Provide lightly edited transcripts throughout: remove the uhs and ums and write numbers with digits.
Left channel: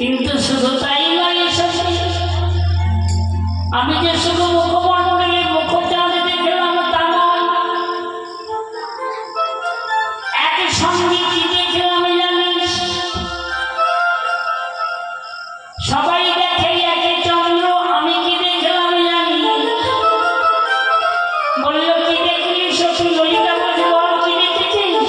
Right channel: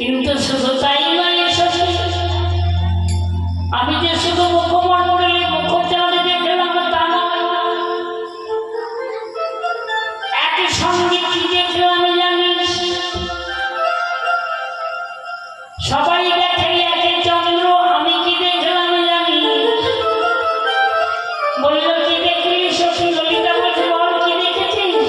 কিন্তু শুধু তাই নয়, আমি যে শুধু মুখমণ্ডলে মুখচাঁদ দেখলাম তা নয়, একই সঙ্গে কি দেখলাম জানিস? সবাই দেখে একে চন্দ্র, আমি কি দেখলাম জানি? বলল কি দেখলি সখী? ললিতা বল কি দেখেছিস?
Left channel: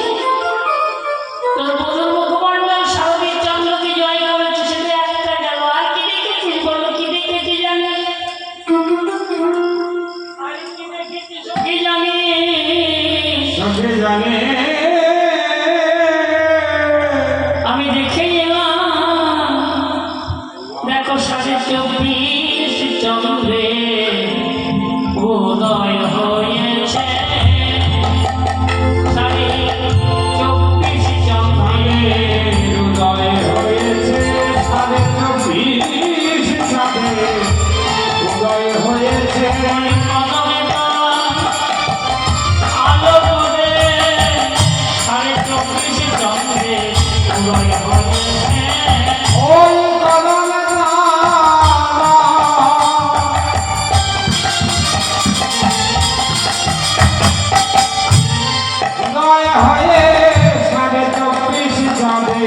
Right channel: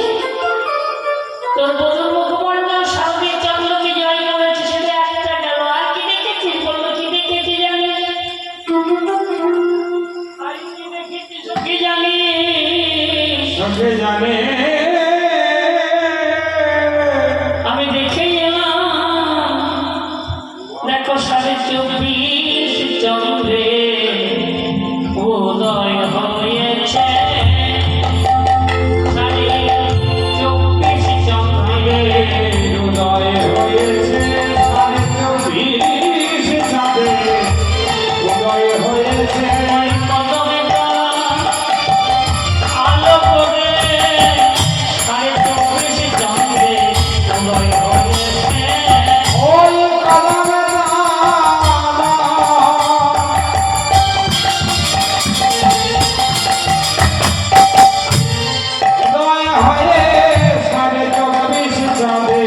তোর বধুর মুখমণ্ডল শারদীয় চন্দ্রকে জয় করেছে, সেটা একটা গেল। আর কি দেখেছিস? বললো কি দেখেছি জানি? আর কি দেখেছি সখী জানি? সখী জানে আমি দেখে এলাম, দেখো 24 চন্দ্রে উদয় হয়েছে। 24 চন্দ্রে উদয় হয়েছে, 24 চাঁদে উদয় হয়েছে। আলো করে 24 চন্দ্রে উদয় হয়েছে। ওই কলমের মালা উদয় হয়ে 24 চাঁদে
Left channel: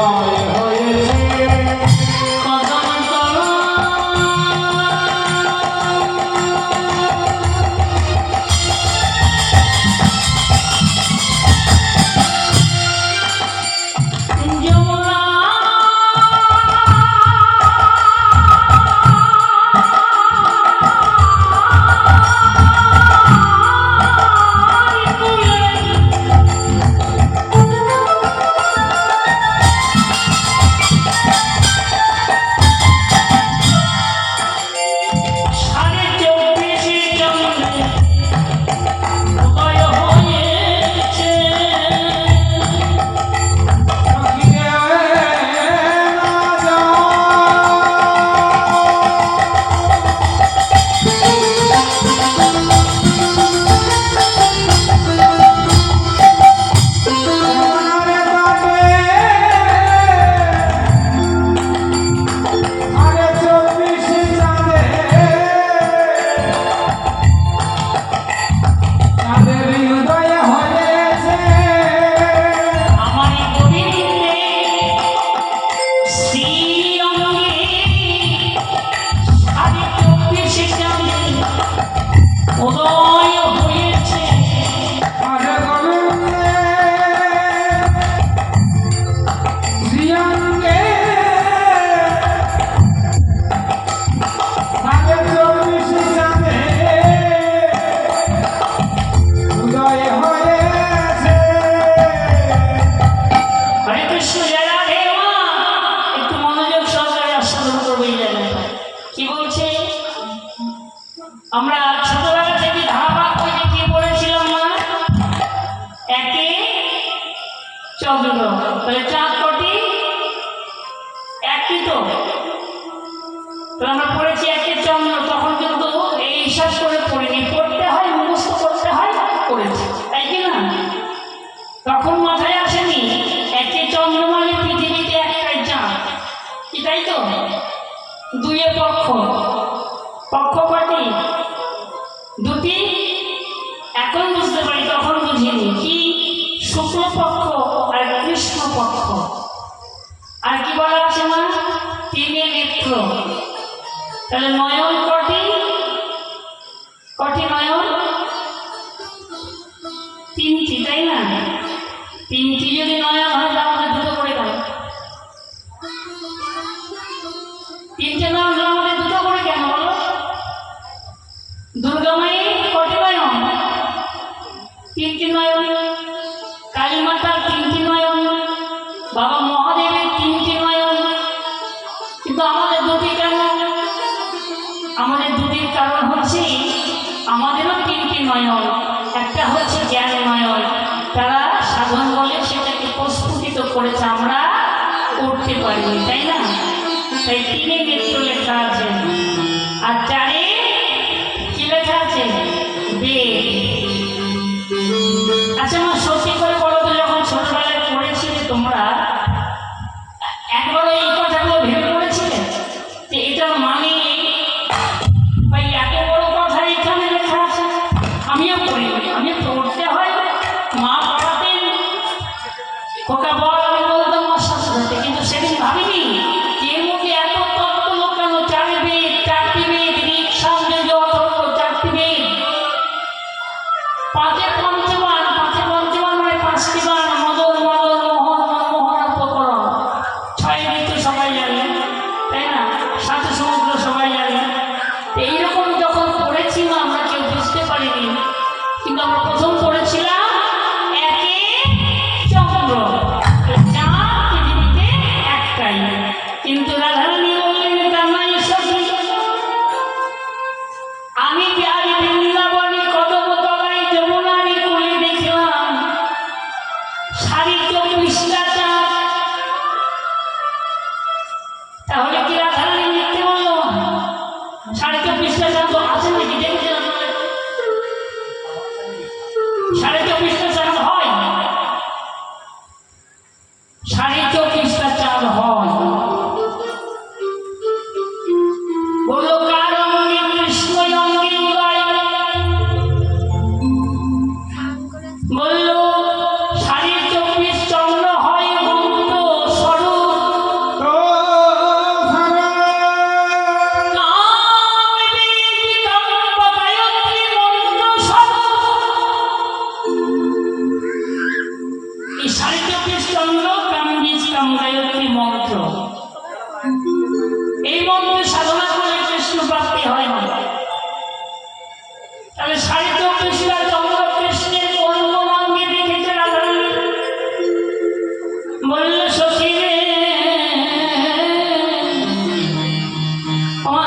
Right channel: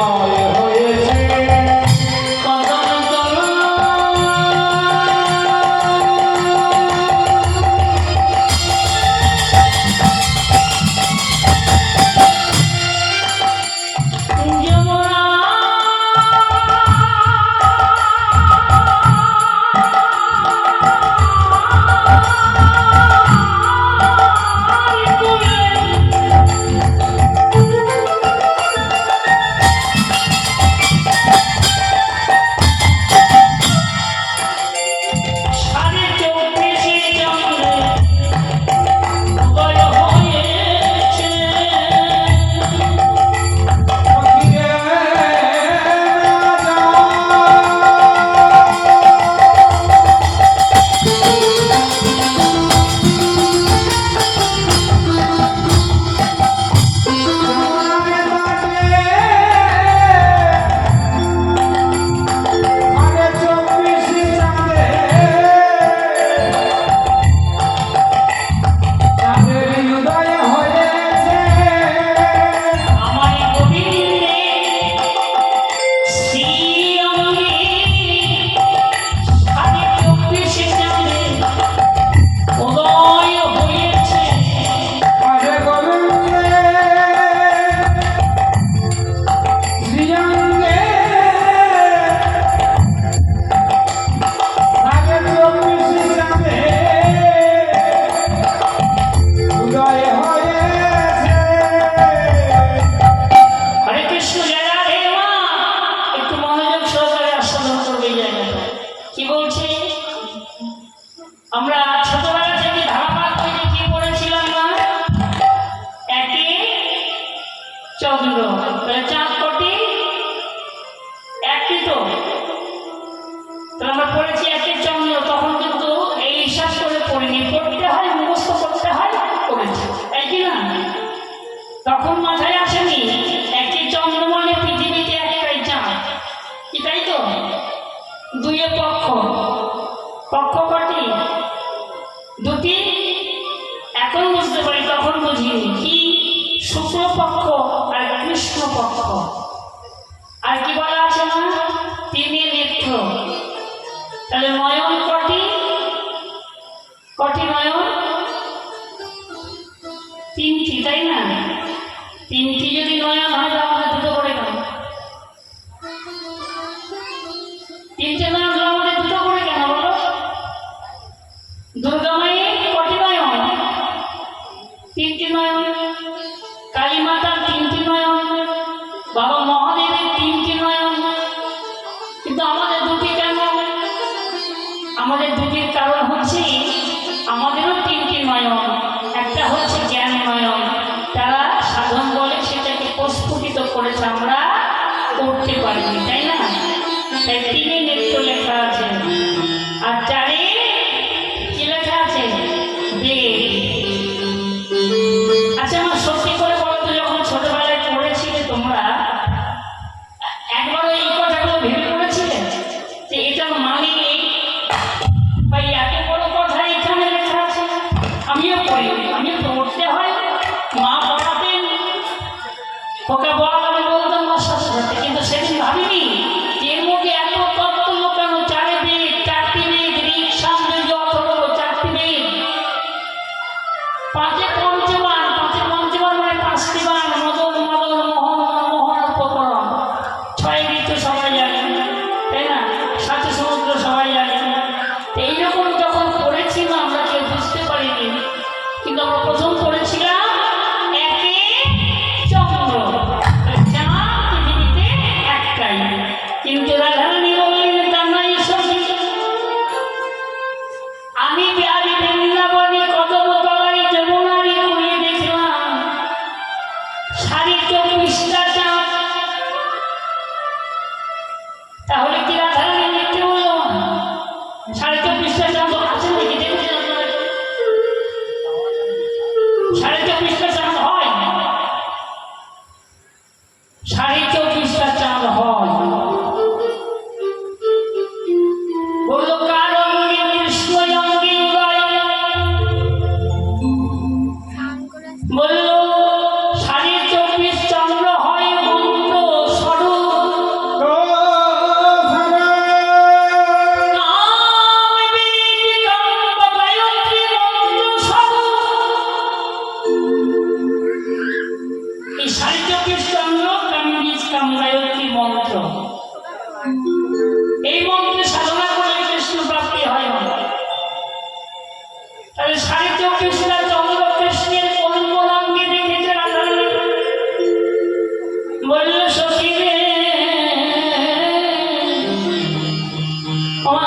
উদয় হয়েছে। আমরা ছোটবেলা থেকে ধারাবাহিক বইতে কি পড়েছিলাম না? একে চন্দ্র, তাহলে চাঁদ কটি? একটি তো। আমরা পড়েছি একে চন্দ্র, তখন কিন্তু এই হিসাব করে পড়িনি, পড়তে হয়, মুখস্থ করতে হয়, পড়েছি, তাই কি না? তখন মাথায় আসেনি একে চন্দ্র মানে পৃথিবীতে একটাই চাঁদ, কি তাই তো? দুইয়ে পক্ষ, পক্ষ কটি? দুটি। এখন বুঝতে পারি, তখন বুঝিনি কি শুক্লপক্ষ আর কৃষ্ণপক্ষ। আর কি বলা আছে না? 3 নেত্র। তাহলে নয়ন কটি? কটি নয়ন? 3টি, তাই না? 3টি যদি নয়ন হয় তাহলে দুটো করে কেন? 3টে নয়ন আমাদের দুটো করে কেন বলো? দুর্গা মায়ের কটি নয়ন? 3টি নয়ন। কালী মাতার 3টি নয়ন, বাবা মহাদেবের 3টি নয়ন, কিন্তু আমাদের দুটি কেন? আমাদের দুটির কারণ হচ্ছে আমাদেরও 3টি নয়ন। একটা হচ্ছে জ্ঞান নয়ন, তারা সাধন বলে সেটাকে প্রস্ফুটিত করেছে, আমরা করতে পারিনি, তাই না? তাই 3 নেত্র লেখা আছে। আর 4 কি লেখা আছে? বেদ। আচ্ছা না, সত্যি করে বলো তো, যখন ছোটবেলায় পড়েছিলে তোমরা, একবারও এই কথাগুলো ভেবে প্রথম করেছিলাম একে চন্দ্র, চাঁদ পৃথিবীতে একটাই। কিন্তু রাধারানী বললেন কান্নাই সখী, আমি বিহারী বৃন্দাবনে কদম তলায় যমুনারী কুলে দেখলাম 24.5টা চাঁদ। তাহলে কি রাধারানী মিথ্যে বললো? 24.5টা চাঁদ আছে নাকি দেখেছেন আপনারা? 24.5টা চাঁদ হয়, 24.5টা চাঁদ হয়। বললো কার অঙ্গে কৃষ্ণ অঙ্গে উদয়, বললো 24.5 চন্দ্র হয় মন্ত্র স্বরূপ। ও সারা এই 24.5 চন্দ্র গায়ত্রী মন্ত্র, এই মন্ত্র সাধনা করলে কৃষ্ণ প্রাপ্তি হয় না। তাহলে 24.5টা চন্দ্র কৃষ্ণের কোন কোন অঙ্গে দেখেছে রাধারানী? বলল সখী রে, ওমা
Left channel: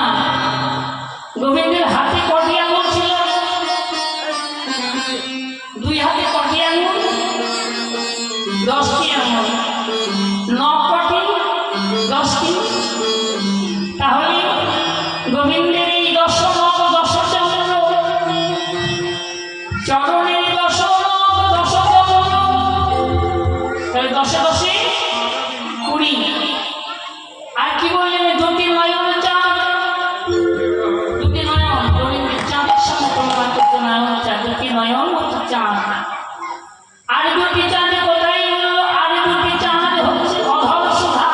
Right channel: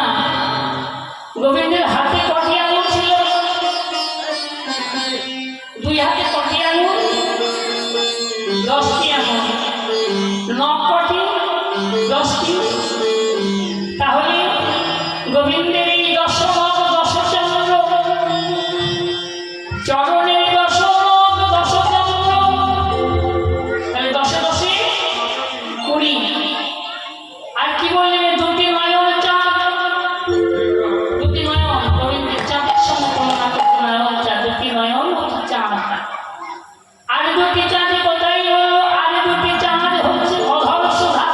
গোবিন্দের হাতে কটি আঙুল ছিল? 2 হাতে কটি আঙুল? 10টি আঙুল। নখ কটি? 10টি। তাহলে গোবিন্দের এই 10 নখ 10 চন্দ্র, চরণের 10 নখ 10 চন্দ্র, তাহলে 10 10 20। আর কি বললেন? 2টি নয়ন চাঁদ, 2টি নয়ন গোবিন্দের চাঁদের সমপরিমাণ নয়ন চাঁদ, 2টি নয়ন চাঁদ। আর 2টি চাঁদে কোথায়? আর 2টি চাঁদ হচ্ছে অধর সুধা।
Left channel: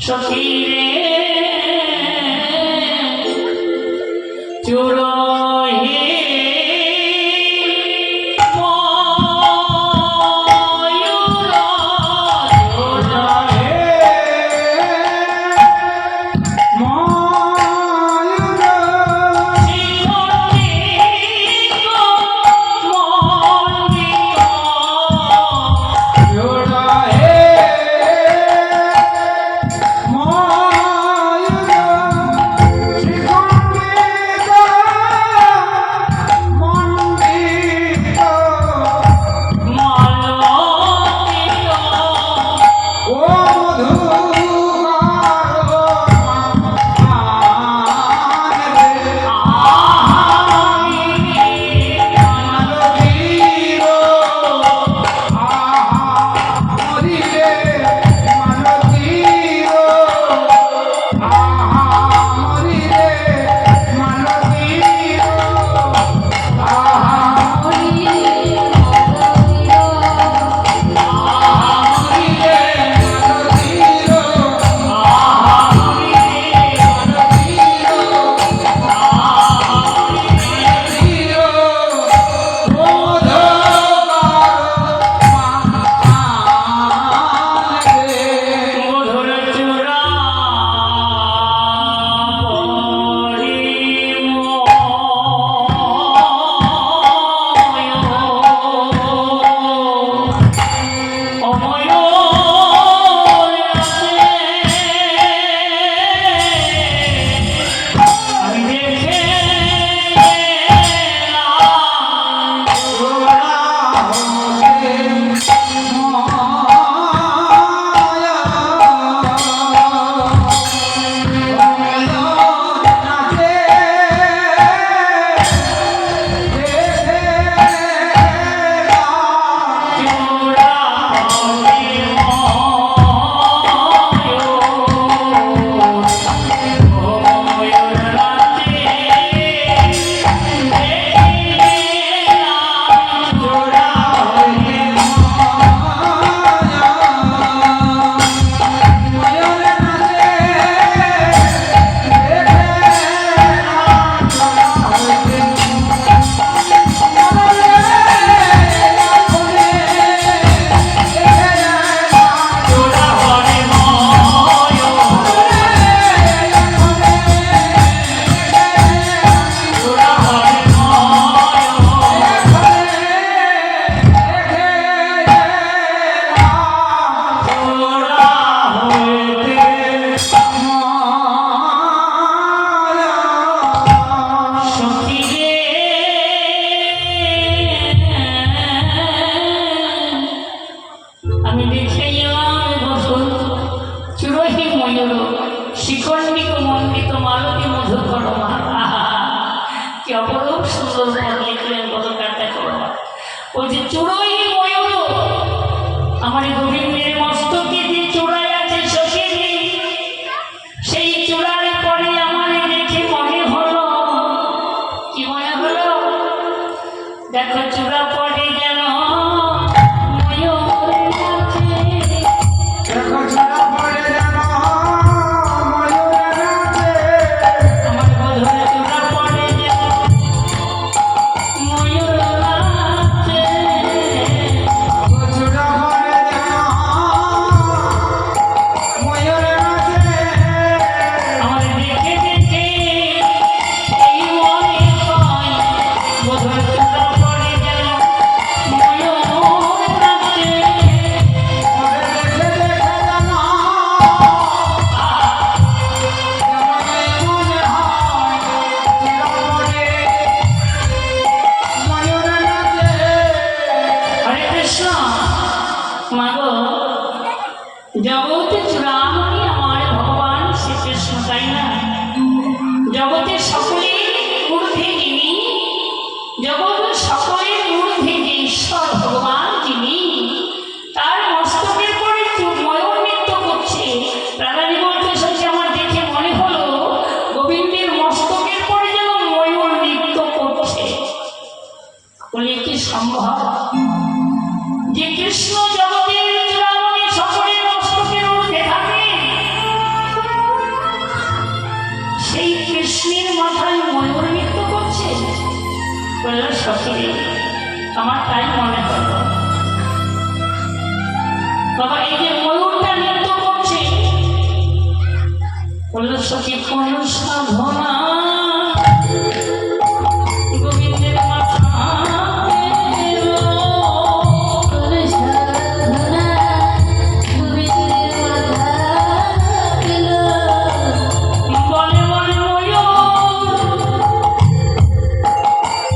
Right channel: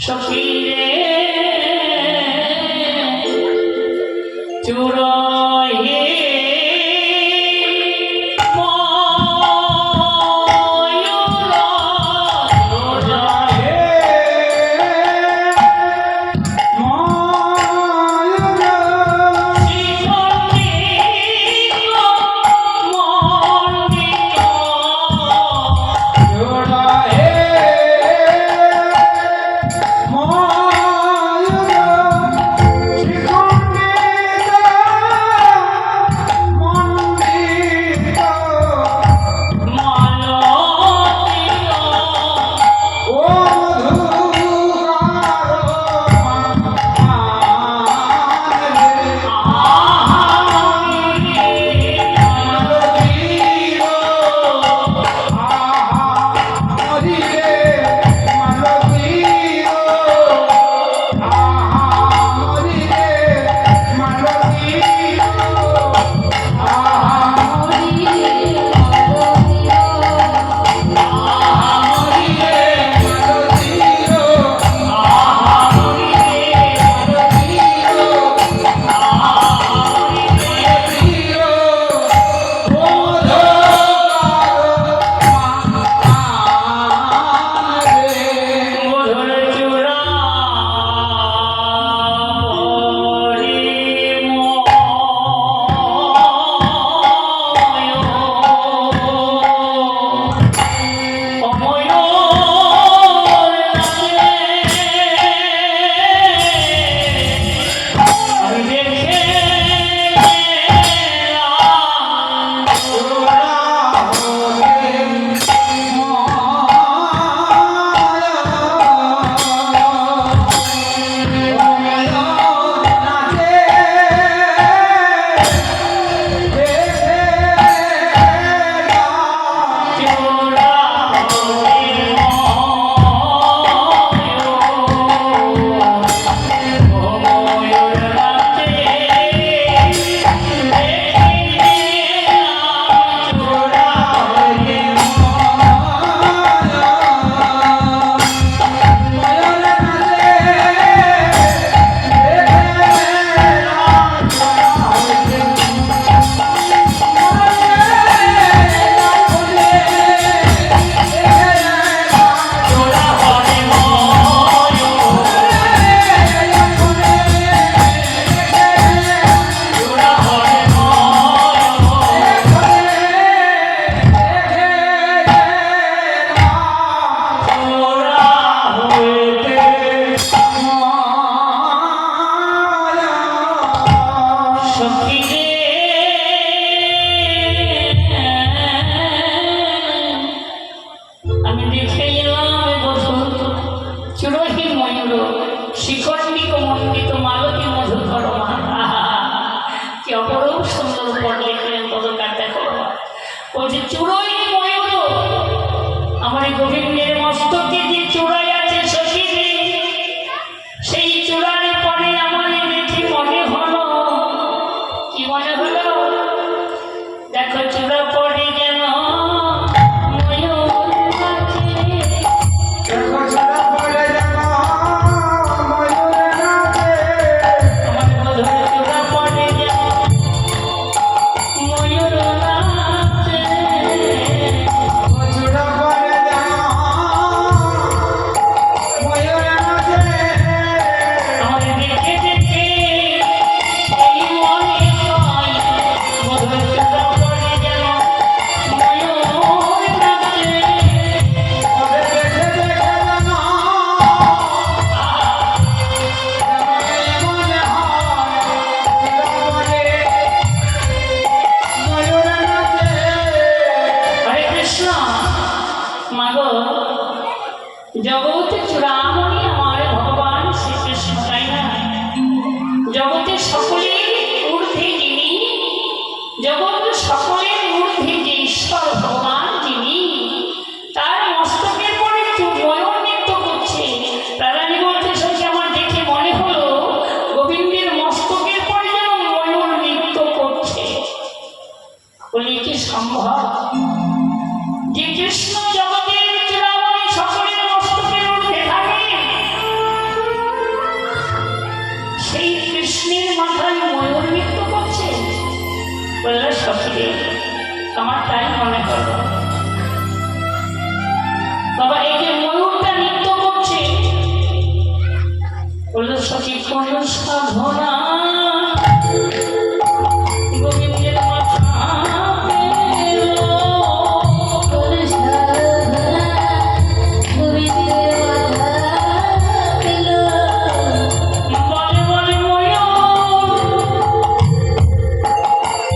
সখী রে চুরোহি ময়ূর চুরোহি আমার তাই মনে হয়। বাবা এই যে ময়ূরটা নৃত্য করছে, বলল সখী কোন সাধনা গোবিন্দের মাথা পেল। কোন সাধনা গোবিন্দের মাথা পেল। বলে বলে ময়ূর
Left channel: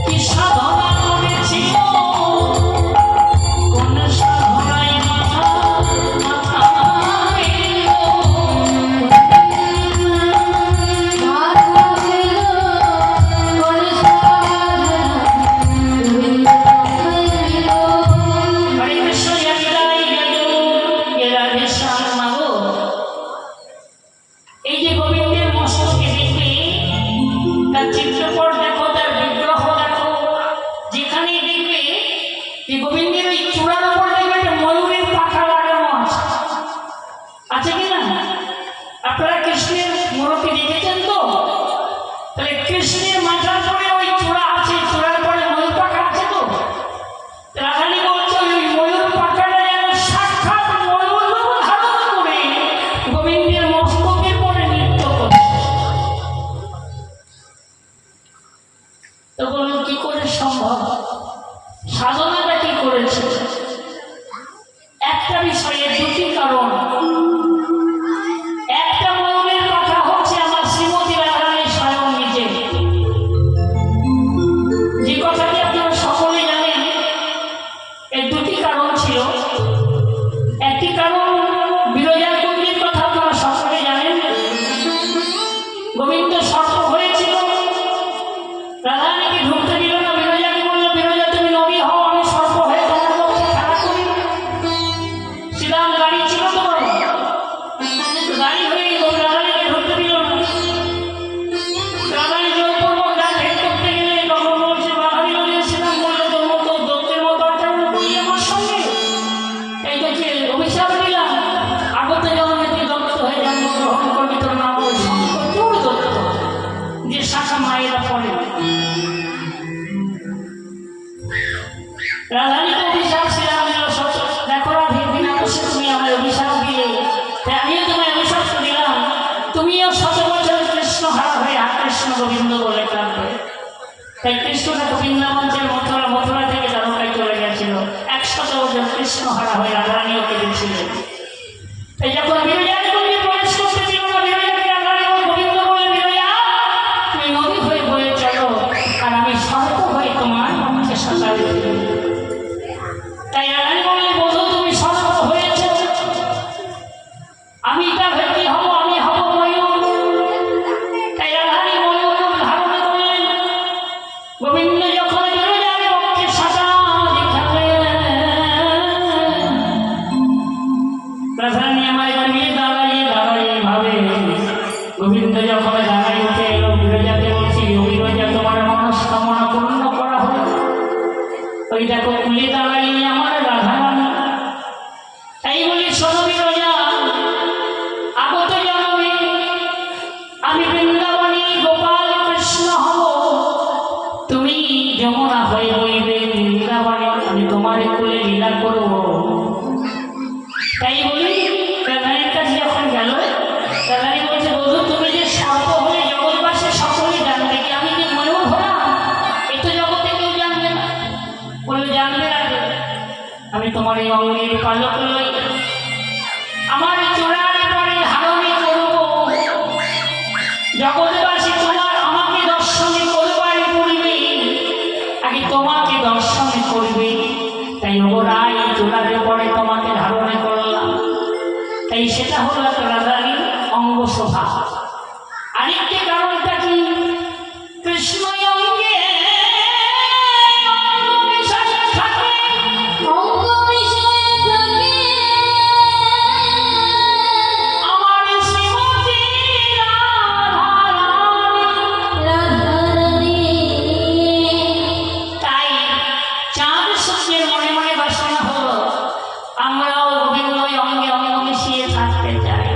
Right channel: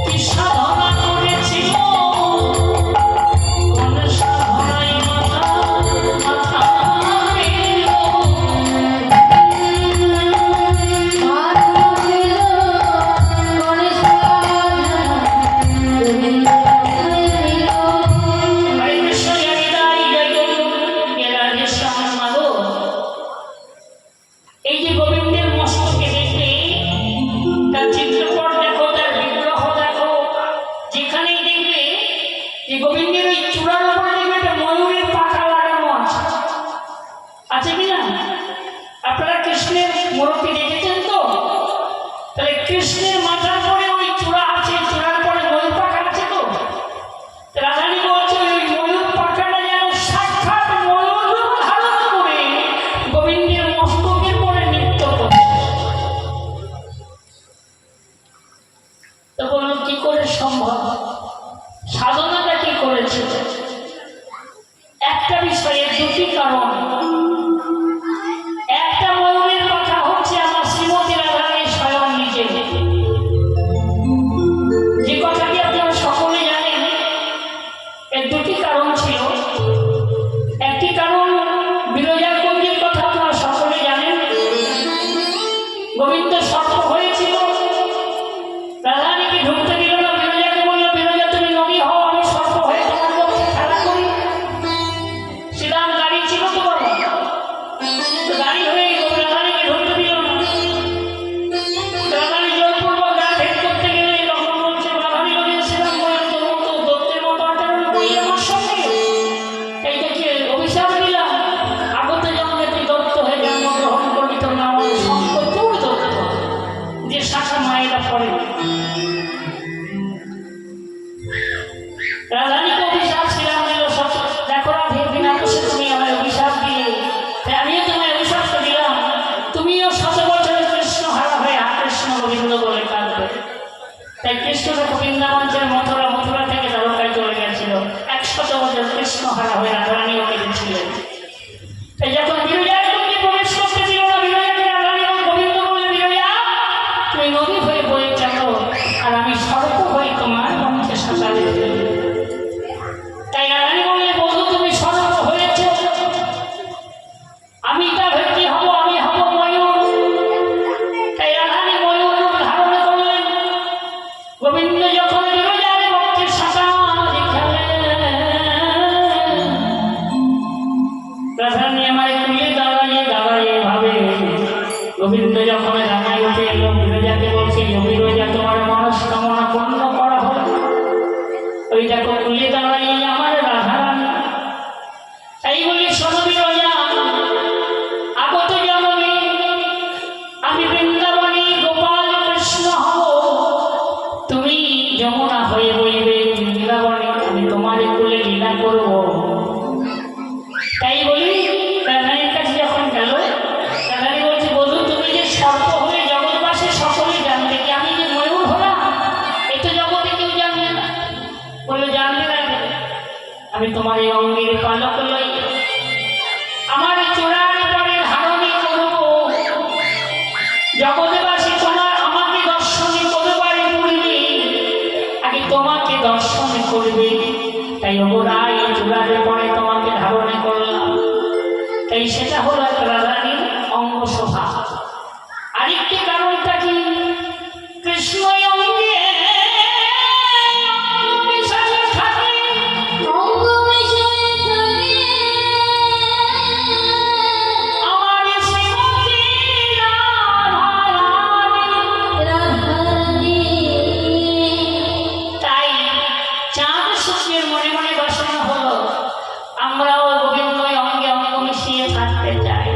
কি সাধনা করেছিল, কোন সাধনায় মাথা মাথা পেল। মাথা পেল কোন সাধনা গোবিন্দের মাথায় পেল। হরে কৃষ্ণ জয় জয় রাধে শ্যাম মাগো। এই যে গোবিন্দের মস্তকে দেখবে, তার চিত্রপট দেখো, তার বিগ্রহ দেখো, যেখানেই দেখবে যে গোবিন্দের ওই চূড়ার উপরে দেখবে একটা ময়ূরের পাখা লাগানো আছে, আছে কিনা? আপনারা কৃষ্ণের মূর্তি দেখেছেন তো? তাহলে কৃষ্ণের মাথার পরে ওই চূড়া আছে, চূড়ার পরে ময়ূর পাখা আছে তো? রাধানী বলছে ওই ময়ূর পাখাটা যেন সাক্ষাৎ ময়ূর রূপ ধারণ করে গোবিন্দের মস্তকের পরে নৃত্য করছে। তো বলুন কি করে সম্ভব? সাধনাটা কি করেছে? একটা বিষয়ে দুটি কারণ। একটা ময়ূরের কথা হচ্ছে আমার শ্রীমতী রাধারানী স্বয়ং নিজে, যে কথাটি আপনারা সকলে জানেন। এর দুটি কারণ ছিল। একটি কারণ বিরজার কুঞ্জের কথা আপনারা সকলে জানেন। গোবিন্দ সর্প হয়েছিল, রাধারানীকে ঢুকতে দিল না, বিরজাকে বলল বিরজা তুমি নদী হও, আমি সর্প হয়ে তোমার পক্ষে খেলা করি। শ্রীরাম গাড়ি ছিল তো বলো, গাড়ি হয়ে গেল, রাধারানীকে ঢুকতে দিল না। রাধারানী জোরপূর্বক গা ভেদ করতে গেলে তখন বলছে বাধারি নদী। শ্রীরাম বললে তোর মতো দত্তের মতো আচরণ করি আমার সঙ্গে, এই দেখে অভিশাপ দিলাম, আগত জন্মে তুই দত্ত হয়ে জন্মগ্রহণ করবি, তোর নাম শঙ্কর চূড় দত্ত, যে শাখা মায়েরা পড়ে। রাধারানীকে অভিশাপ শ্রীরাম দিল, দেখো রাধে বিনা দোষে তুমি আমার অভিশাপ দিয়ে, তাই আমিও তোমায় অভিশাপ দিলাম, তুমিও 100 বছর কৃষ্ণ হারা হয়ে আর কৃষ্ণ গোবিন্দ বলে কাঁদবে। তাই কৃষ্ণ ঠাকুর বৃন্দাবনের মথুরা, মথুরা থেকে দ্বারকায় চলে গেছিল, 100 বছর কৃষ্ণ হারা হয়ে রাধারানীও কেঁদেছিলেন। তাই যখন বিরজার কুঞ্জে প্রবেশ করতে দিল না, বিরজাকে রাধারানী গোবিন্দ বললেন বিরজা তুমি নদী হয়ে বয়ে চলো, আর আমি সর্প হয়ে তোমার মঞ্চে সাঁতার দিই। তাই রাধারানী বললে বধূ তুমি সর্প হয়েছ, আমি তা ভেটি হব, আমি হব ময়ূর। তাই রাধারানী ময়ূর রূপ ধারণ করলেন। গোবিন্দ যখন বিরজার পক্ষে সাঁতার দিলেন, রাধারানী আমার কুলে দাঁড়াইয়ে দাঁড়াইয়ে ভাবে। গোবিন্দ যখন দাঁড়াই উঠে এলো, বিরজাকে বলছি ও বিরজা তোমার মনস্কামনা পূর্ণ করা হলো। ওই দেখো কুলে দাঁড়াইয়ে আমার রাধারানী। তাই বলি শোনো বিরজা, আগত জন্মে আমি বৃন্দাবনী গোপাল কৃষ্ণ হব, তুমি যমুনা হয়ে বইবে বৃন্দাবনে, আমি তোমার কুলে লীলা করব। তাই বলি রাধারানীর কাছে যখন গেল, রাধারানী বলছে বধূ তুমি যে সর্প হয়ে জগৎবাসী সকলে জানবে, কি আমি যে ময়ূর হলাম এ তো জগতে কেউ জানবে না। বললো জানবে রাখবে, আমি তোমার এই অঙ্গের পালক লই, আমার চূড়ার পরে ধারণে করব, জগৎবাসী তোমার আমাকে দর্শনে করবার পূর্বে আগে তোমাকে দর্শনে করবে। তাই ওরাই চূড়ার পরে তোমাকে ধারণে করলাম। তাই সেটা হলো এক রাধারানীর অঙ্গ শোভা। আরেকটি কারণটা কি? কৃষ্ণ অঙ্গে মিশায়ে থাকে, অঙ্গ মিশায়ে থাকে আমার শ্রীমতী রাধারানী। তাই চাঁদ সূর্যের মনে মনে বাসনা হলো আমরাও গোবিন্দ অঙ্গে অঙ্গ মিশিয়ে থাকতে চাই।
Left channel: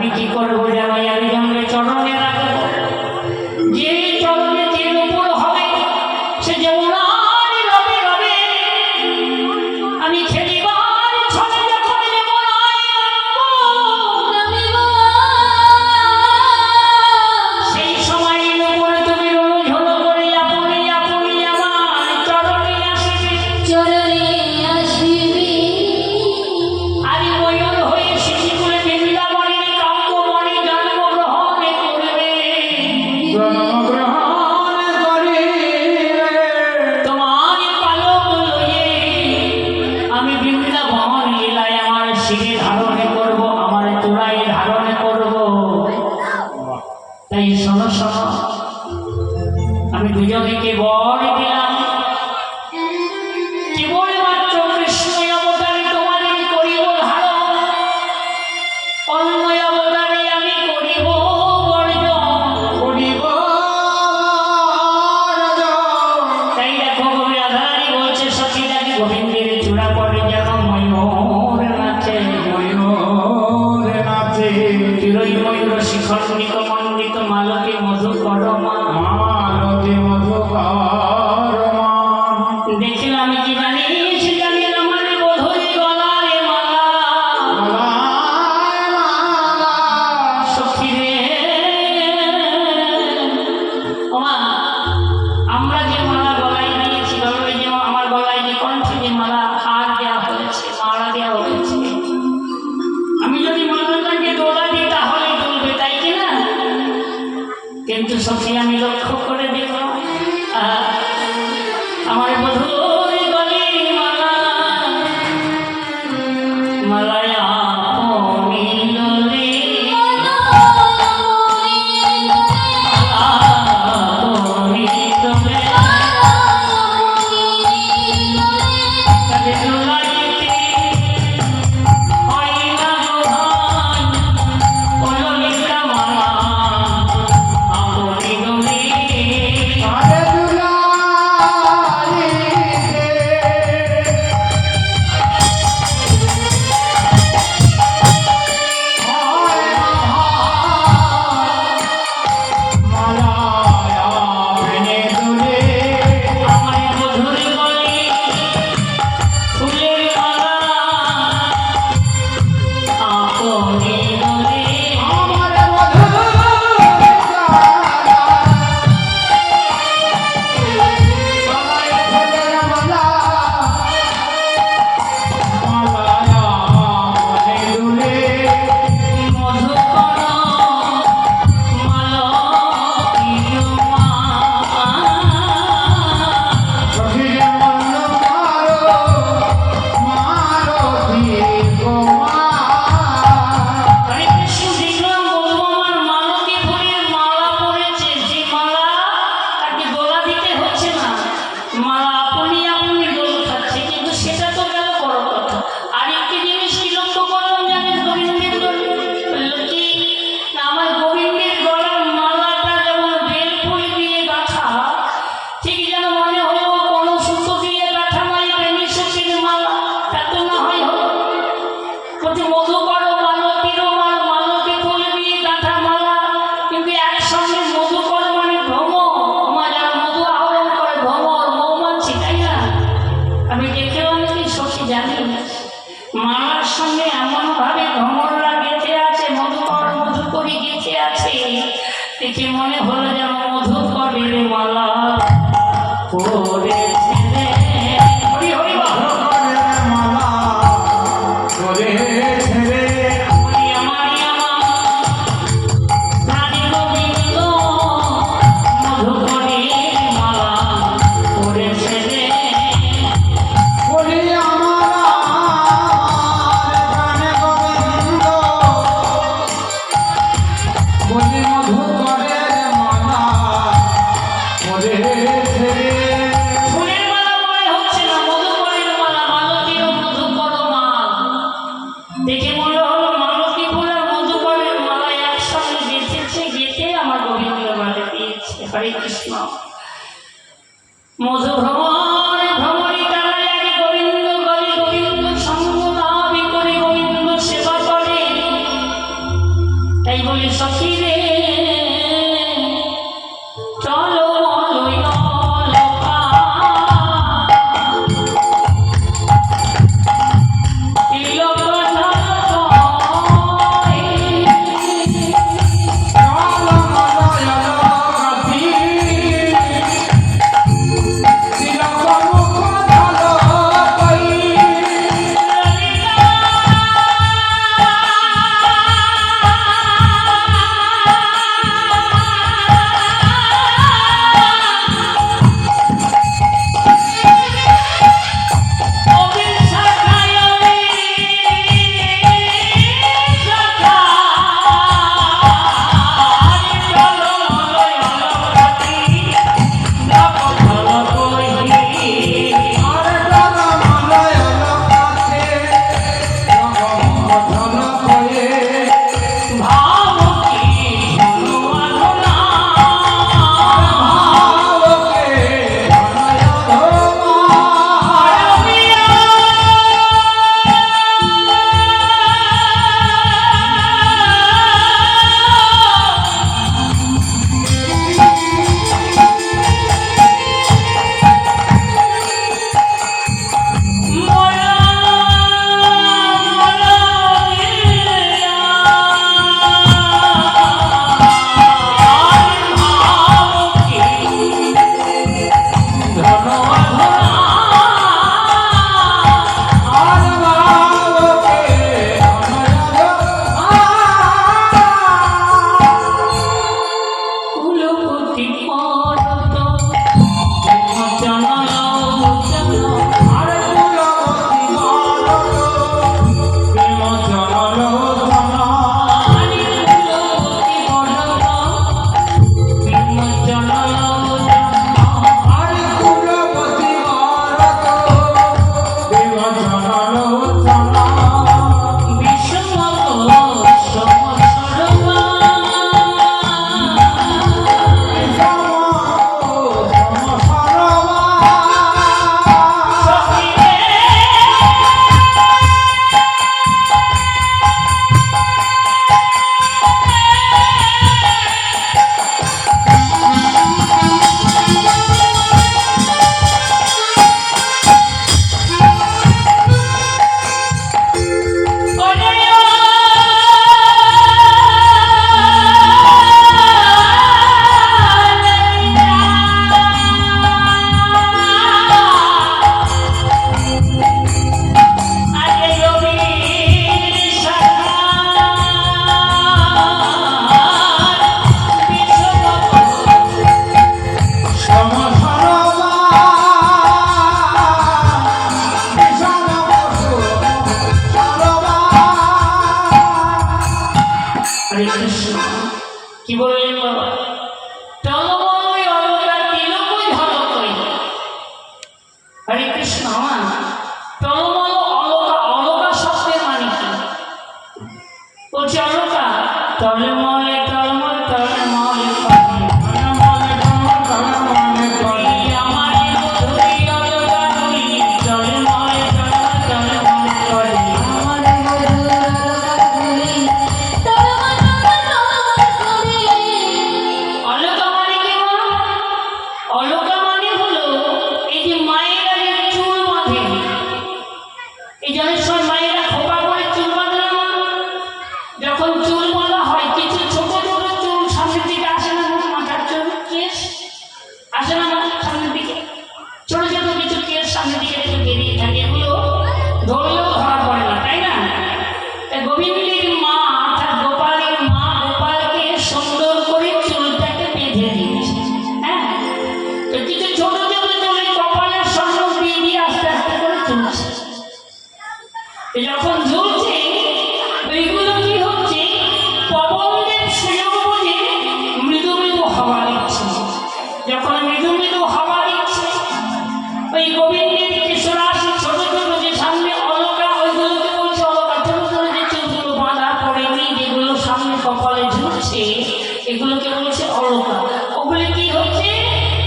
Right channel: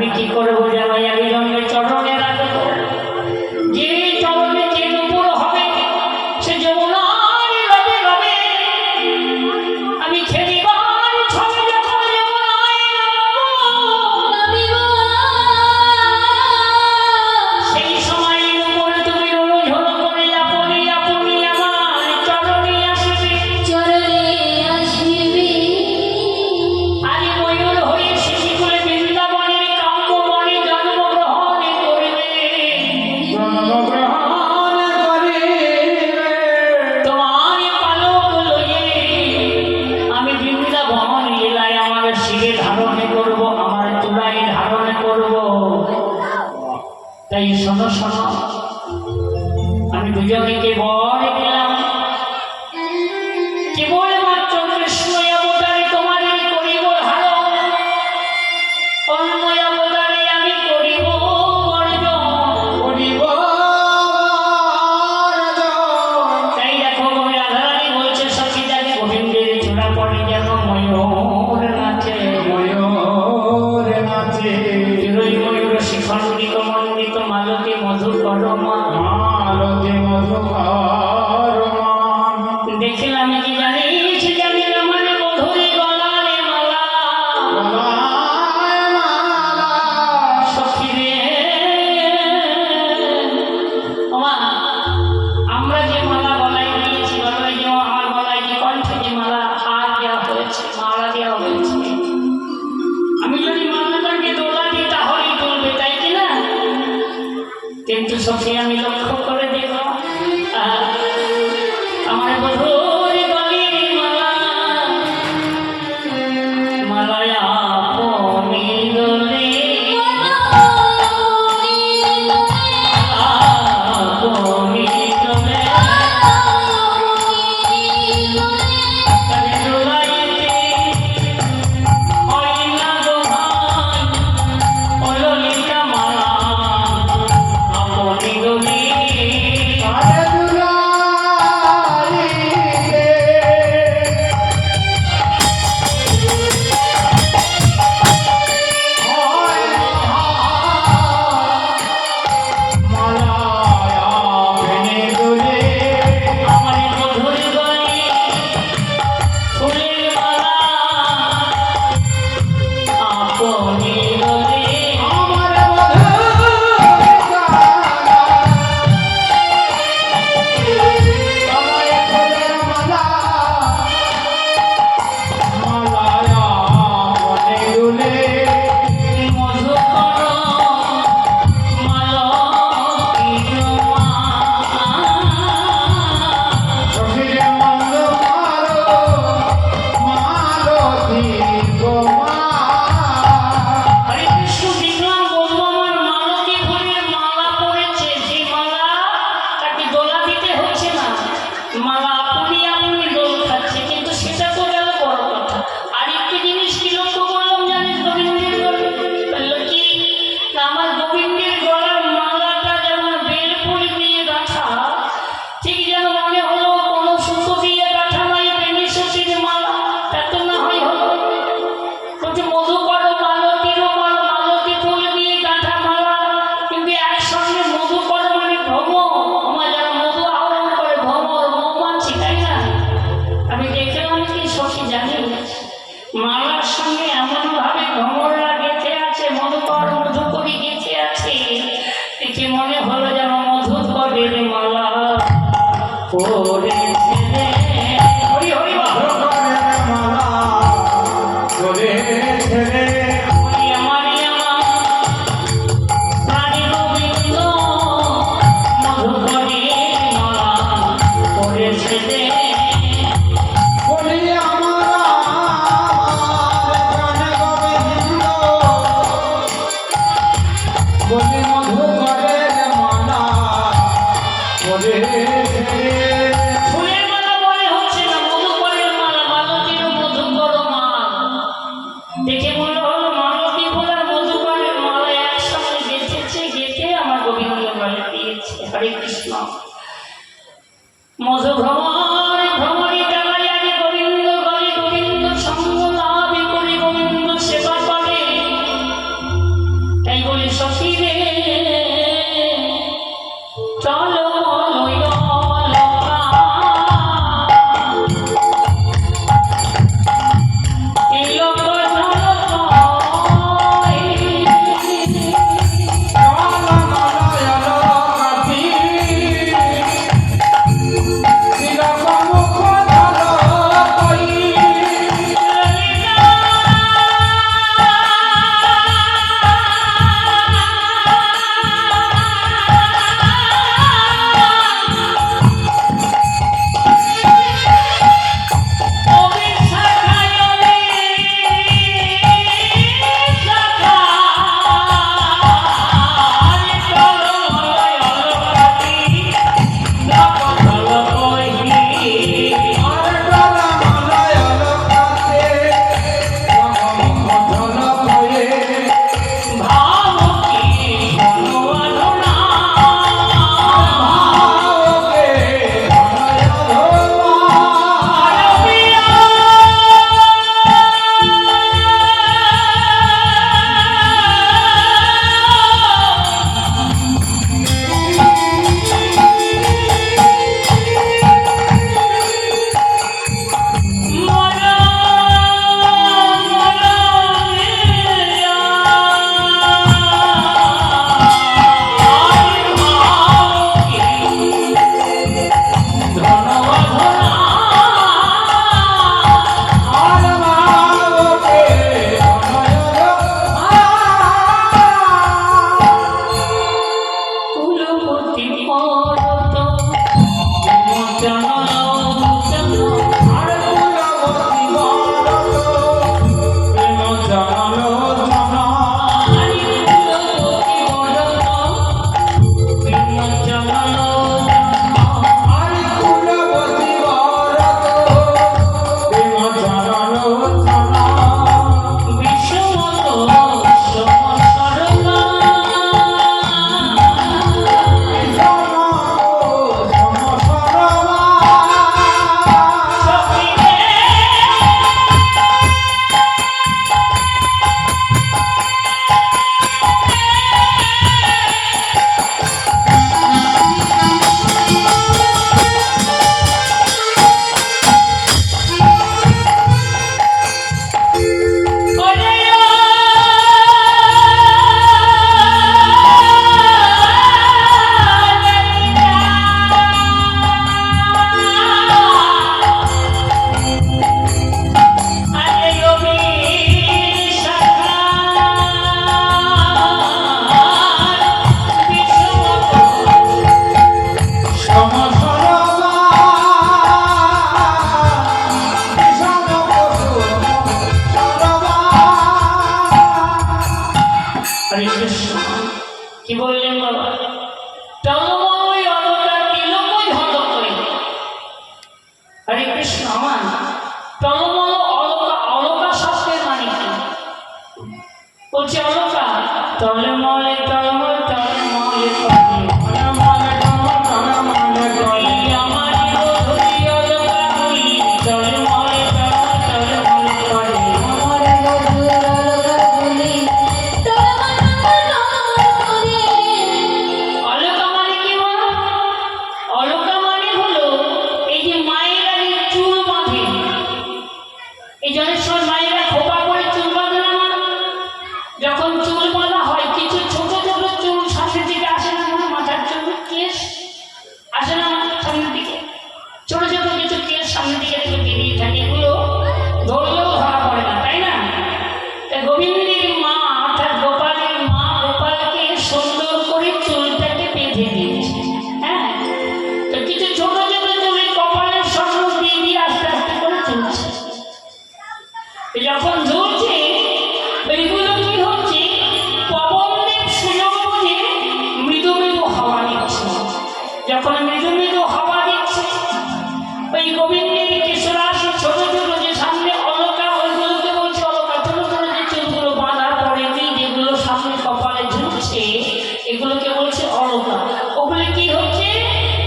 আমি কি করবো জানো আমি জন্মের চরণে রাখবো যে চরণে যে উপর হবে সে যমুনার রবে রবে আমি খেলিবার ছলে যখন যমুনায় নামিব সেই সময় উপরে তুমি রোল ঝোল করে আপনি আপনি আমার চরণে আসবে চরণে আসিবি আজ ময়ূর হয়ে শিশি করে বৃন্দাবনের কাম্যবনে জন্মগ্রহণ করবে জন্মগ্রহণ করিবে তোমার পালক লইয়ে আমি বৃন্দাবন লীলায় আমার শিরে ধারণ করব আমার চূড়ায় ধারণ করব তাই শোনো শোনো আমি দুজনকে বর দিলাম কেবলমাত্র কৃষ্ণ অবতারে তোমাদের করিব ভালো অন্য অবতারে আমি করিব বর্জন করিব তাই দেখো কবি রাধারানী বলছে সখীদারি গোবিন্দের চূড়া পড়ে যেন ময়ূর নাচে ময়ূর নাচে চিরই ময়ূর শিখণ্ডিত মণ্ডিত মালতী মধু কর্মা মালতী মধুকরমা দেখলাম কি জানিস জানি আমার মধুরি গলারে মালা গলায় মালা সখী রে ওমা আমরা যে মালা গলায় দিয়েছি বাবা এই যে আমার গলায় যে কণ্ঠে যে মালা হার দেওয়া হয়েছে মালা দেওয়া হয়েছে আমি যদি মালাটাকে দোলা দিই তাহলে তুলবে তাই কি না কিন্তু সখী আমি লক্ষ্য করে দেখলাম আমার মধুর গলির মালা মালায় আপনি দোলে আপনি দোলে তাকে দোলাইতে হয় না দোহাই ও ললিতা মালা আপনি দোলে আরে দুলারিতে হয় মালায় আপনি দুলে আমার মধুর গলি ফুলের মালা আপনি দোলে আমার মধুর গলায় ফুলের মালা মালায় আপনি দুলে মধুকর মালতীয় মা শশীর মল্ল মালতী গোমা হরে কৃষ্ণ দেখলাম বলবো আমার মালতী ফুলের মালা পড়েছে যে মালা তাকে দোলা দিতে হচ্ছে না মালা আপনি আপনি দোল খাচ্ছে কিন্তু সেটা তো গেল বড় কথা আরেকটি জিনিস কি লক্ষ্য করলাম জানেন গোবিন্দের গলে বললো কি না আমার গোবিন্দের গলার মালাটা যেমন বেল ফুল দিয়ে গাঁথা ঠিক যেন মনে হলো কোনো সুতো দিয়ে গাঁথা নয় প্রেমী সখীর মালা তা তো না হয় হলো বলছে মধুকর মালতীর মালা মালতী ফুল দিয়ে গাঁথা মালা কিন্তু একসঙ্গে মধুকর মানে ভ্রমর আমার যারা মধু আহরণ করে ভ্রমর মৌমাছি তাই না আমি দেখলাম কি সখী জানি মালার সঙ্গে এমনভাবে ভ্রমররা গেঁথে আছে মধুকর মধুকরী গেঁথে আছে দেখে মনে হলো যেন মধুকরের মালা পড়েছে রে। হরি হরি বল। মধুকরের মালা পড়েছে রে আমারি আমারি আমার প্রাণী গোবিন্দ মধুকরের মালা পড়েছে রে। বলি আমার প্রাণে গোবিন্দ বলি মধুকরের মালা পড়েছে রে ফুলের মালা মনে হচ্ছে না মধুকরের মালা মালতীর মধুকর মালা দেখে মনে হলো মালতী ফুল আর মধুকরের মালা একসঙ্গে গেঁথেছে গেঁথে আমার গোবিন্দ বলে দিয়েছে হরে কৃষ্ণ মধু ভ্রমর ভ্রমরী তারাই আগে গোবিন্দ গলে গোবিন্দ সঙ্গ লাভ করে গোবিন্দ সেবা করে হরে কৃষ্ণ কি বললেন বাবা টলময় অলকা তিলকই ঝলকই হরে কৃষ্ণ আমার টলময় অলকা অলকা শব্দের মানে কি বলছে অলকা টলময় টলময় টলময় আমার মধুরী অলকা তুই টলময় টলময় আমার মধুর অলকা তুলি তরমা করে অলকা মানে কি মা অলকা মানে হলো এই যে মায়েরা যে চুল বাঁধে এই জন্য সব মায়েরা খোপা করে চুল বাঁধে না মা যখন চুল বাঁধা হয় কিছু ছোট ছোট চুল সামনের দিকে আসে না মা মাথার চুল কেশ আসে না মাথার সামনের দিকে ছোট ছোট কিছু কেশ সামনের দিকে থেকে বেরিয়ে থাকে এগুলো ধরলেও ধরা পড়ে না তাই না তাই গোবিন্দের মা অর্থাৎ গোপালের মা গোপালকে সুন্দর করে চুলটাকে বেঁধে দিয়েছে হ্যাঁ তো কিছু ছোট ছোট চুলে কপালের সঙ্গে দিয়ে দিয়ে আস্তে আস্তে করে চলছে যখন ঝুলছে এইগুলো কি হচ্ছে পবনদেব সুযোগ বুঝে মৃদু মৃদু হাওয়া দিচ্ছে যখন মৃদু মৃদু হাওয়া দিচ্ছে ওই গোবিন্দের কেশরাশি ছোট ছোট যে সামনে অলকা ওইগুলোকে বলছে অলকা ছোট ছোট যে চুলগুলো বাঁধার পরে কি যেগুলো সামনে কপালে ঝুলছে এগুলোকে বলছে অলকা ওগুলি কি হচ্ছে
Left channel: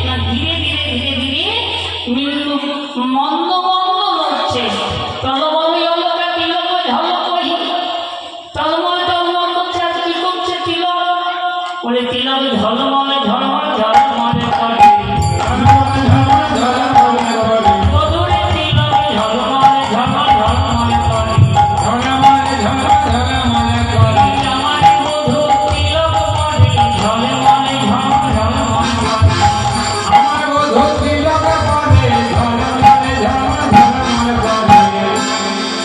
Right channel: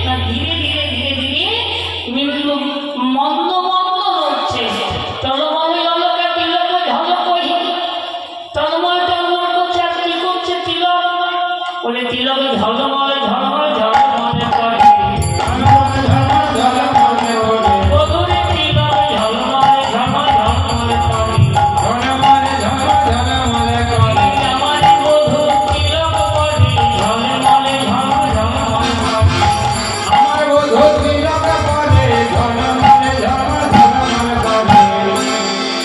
না ধীরে ধীরে ধীরে ধীরে মৃদু মন্দ মন্দ নড়ছে টলময় অলকা তিলক ঝলকই টলময় টলময় করছে আর কি করছে তিলক বলে তিলক ঝলময় ঝলময় ঝলময় করে মধুরে তিলক ঝলময় ঝলময় ঝলময় করে আমার মধুর তিলক করে ঝলময় ঝলময় ঝলময় করে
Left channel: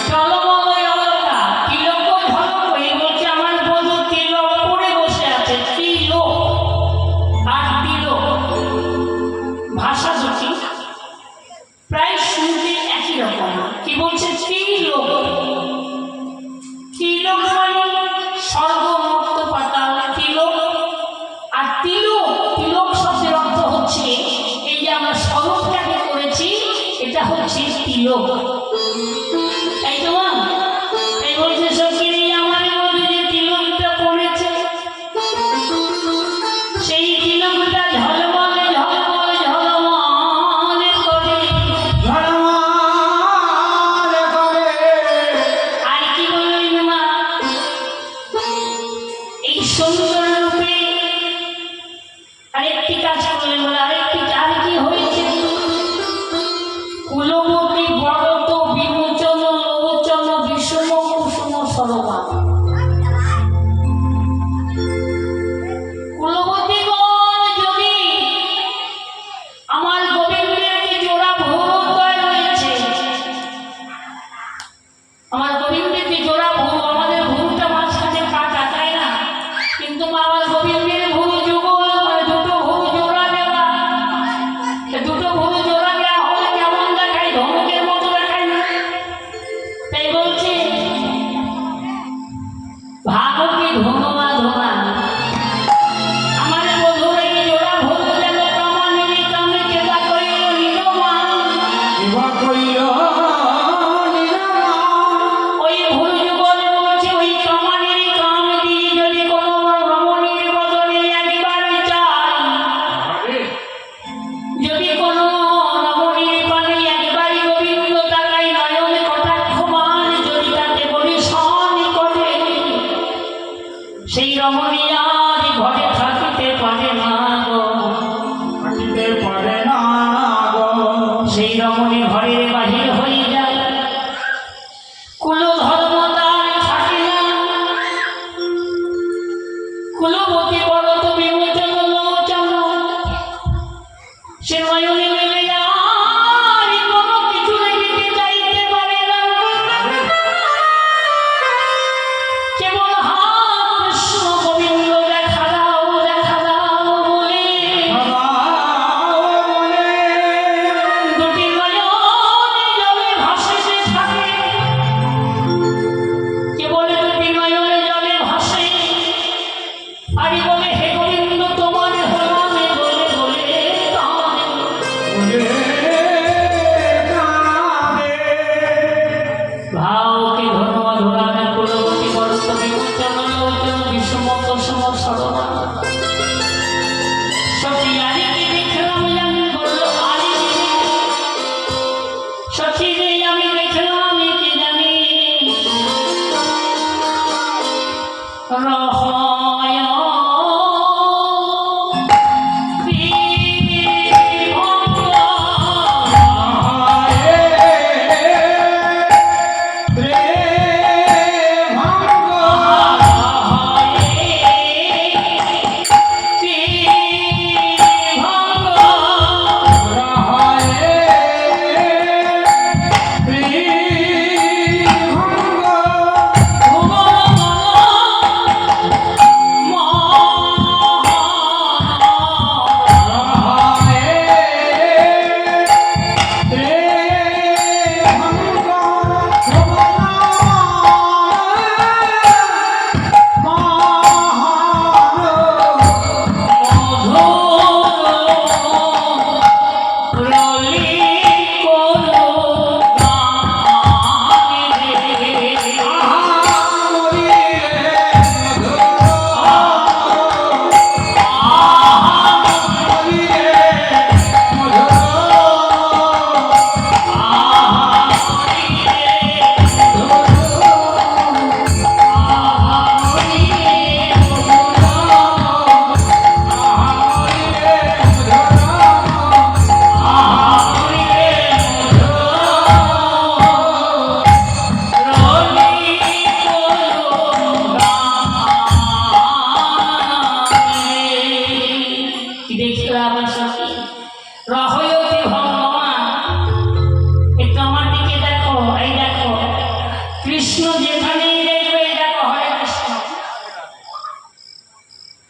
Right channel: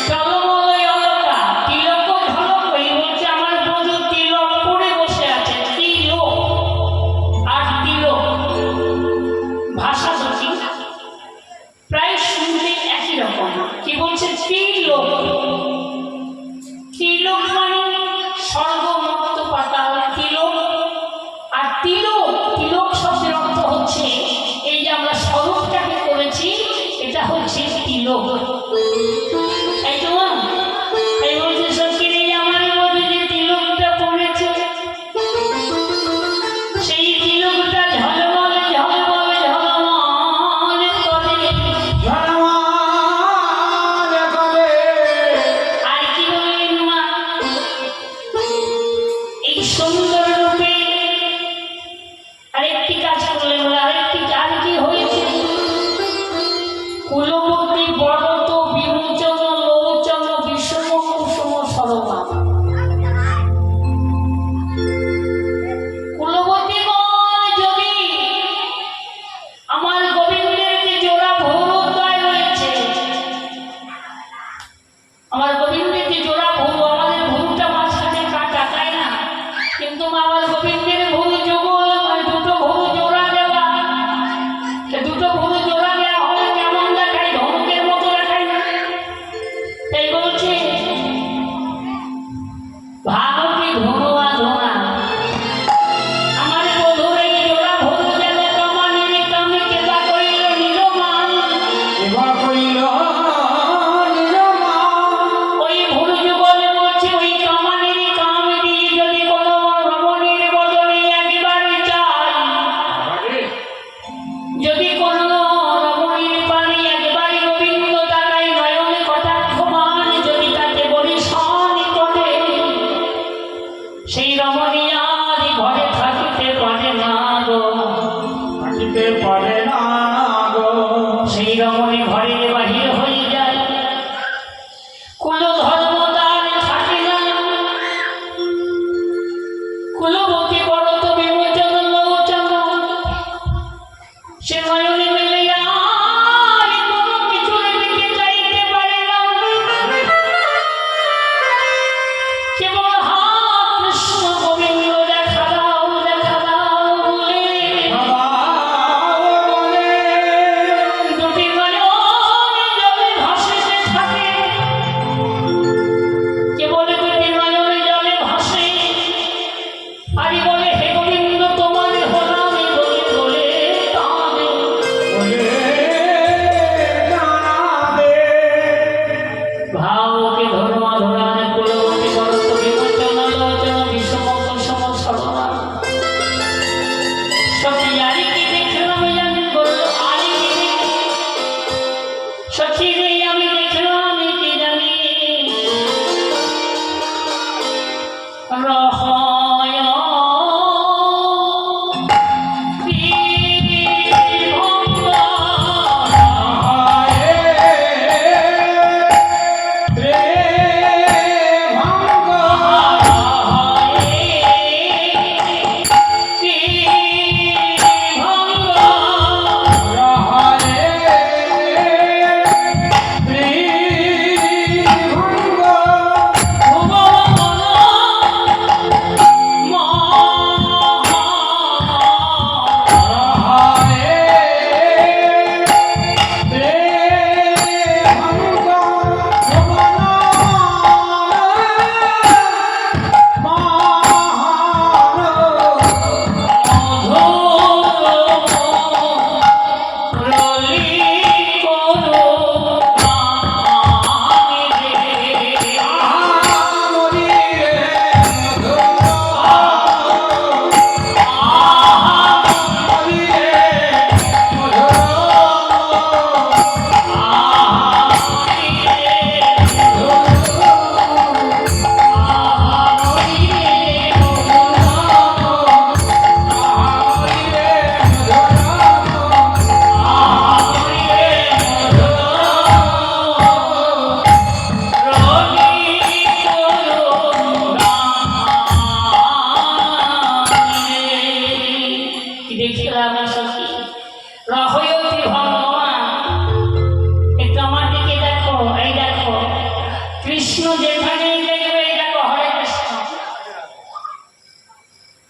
টলময় অলকা তিলক ঝলকই বলছে আমার বধূ তিলক পরে বসে আছে তিলক আর তিলক ভাষা দুটি প্রায় শুনতে একই রকম কি বলছে তিলক তিলক মানে স্বর্গ মুক্ত পাতাল তিলক আর তিলক তিলক শব্দের অর্থ হচ্ছে এই যে আমরা স্বরূপটাকে করেছি এটা হচ্ছে তিলক তাই তো মা এই বলছে সত্যি আমার মধ্যে যে তিলকটা পড়েছে সেই তিলকটা ঝলমলে ঝলমলে ঝলমলে করে আর কি বললেন মা এই সুন্দর রূপে আরেকটি কাজ করলেন বলে আরেকটি আর কি হয়েছে কুলবতী বরত বিমোচন লোচন বিষম কুসুম সরমা কুলবতীগণ যদি আমার গোবিন্দের যে জোড়া ভৌরোদয় রয়েছে আমার গোবিন্দের যে জোড়া ভৌর আমাদের ভৌরটা মাঝখানে কাটা তাই না কিন্তু আমার গোবিন্দের ভৌর যুগল মানে দুটো ভৌর জোড়া দেওয়া দুটো ভৌর জোড়া দেওয়া হলে কেমন দেখায় ধমকের মতো দেখায় না তাই বলছে ভাগবতী ধনুয়া ধোনা আমার বধূর এই জোড়া ভৌর যেন কমানের কামে কেবা করিল নিরমান ওই ভুল যুগলে বলছে ওই কামানের কাম দিয়ে যদি কোনো রমণীর বদলে একবার চাই যদি কোনো রমণীর পানে একবারই গোবিন্দ তাকাই নয়নে কটাক্ষমান যদি তাতে বলি শান করে যেখানেই দেখবে দেখো হরে কৃষ্ণ।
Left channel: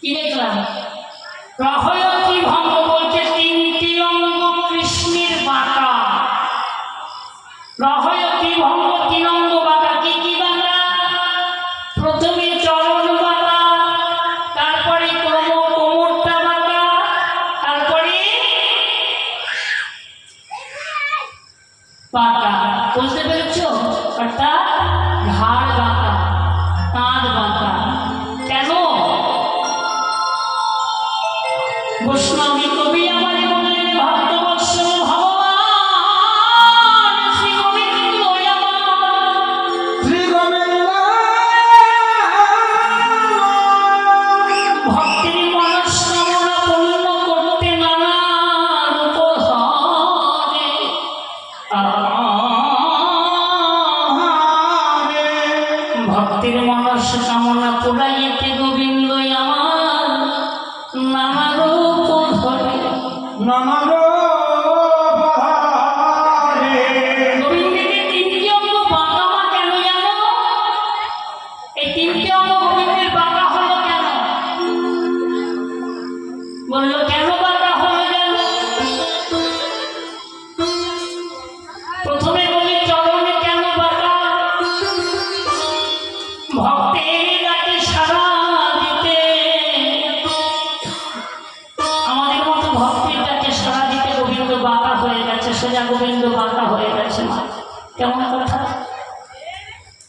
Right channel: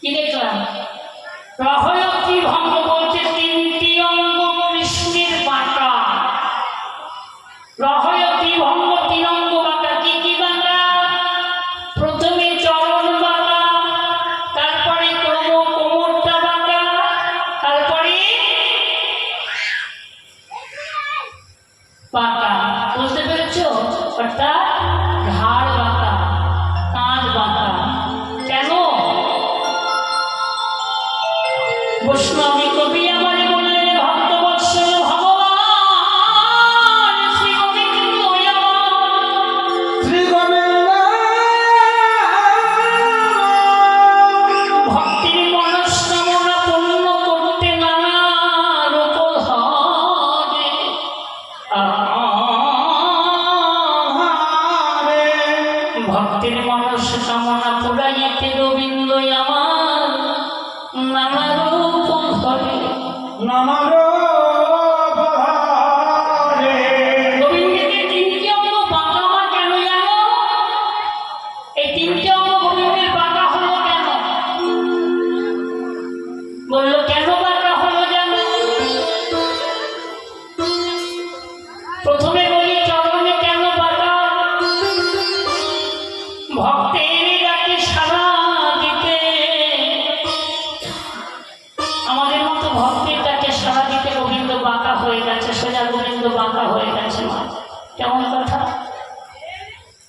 কি দেখলাম? রহয়তী ভঙ্গ বলতে তিনটি অঙ্গ কৃষ্ণের বাঁকা। রহয়তী ভঙ্গ তিন অঙ্গ বাঁকা। কি কি বাঁকা? প্রথমে চরণ বাঁকা, তারপরে কোমরটা বাঁকা, তারপরে বাঁকা। বুঝতে পেরেছো? অর্থাৎ ঘাড় বাঁকা, কাঁধ বাঁকা। কেন? বৈষ্ণবী কবি আমার মনের ভক্তবৎসল ভগবান শ্রী গোবিন্দ আমার। শ্রী গোবিন্দ ভক্তির মনস্কামনা পূর্ণ করতে নানা রূপ ধরে। ভক্তির মনস্কামনা পুরাইতে গোবিন্দ আমার নানা রূপ ধরে। নানা গোবিন্দের তিনটি অঙ্গ বাঁকা মা কেন জানো? এই তিনটি অঙ্গ গোবিন্দের বাঁকা হলো কেন? বললো কেন বাঁকা হলো জানো? প্রথমে বলি চরণে কেন বাঁকা? ভক্তের ডাকে সাড়া দিতে, আমাদের মতো ভক্তের ডাকে সাড়া দিতে গোবিন্দ বাঁকা হয়ে গেছে, সোজা গোবিন্দ বাঁকা হয়ে গেছে। মা কেমন কথা?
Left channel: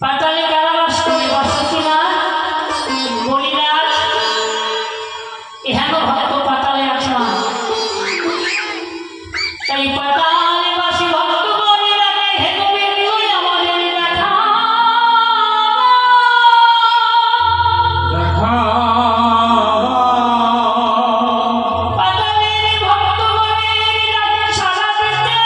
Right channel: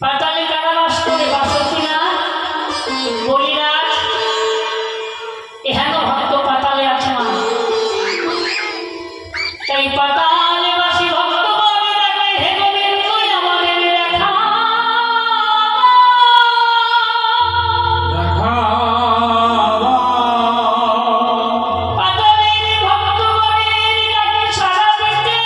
পাতালে কারাবাস করে বাসুকিনাথ বলিরাজ এহেন ভক্ত পাতালে আছে। মা তাই পাতালে বাসী ভক্ত বলিরাজে হে গোবিন্দ আমাদের দেখা। পাতালের ভক্ত বলিরাজে সাড়া দিতে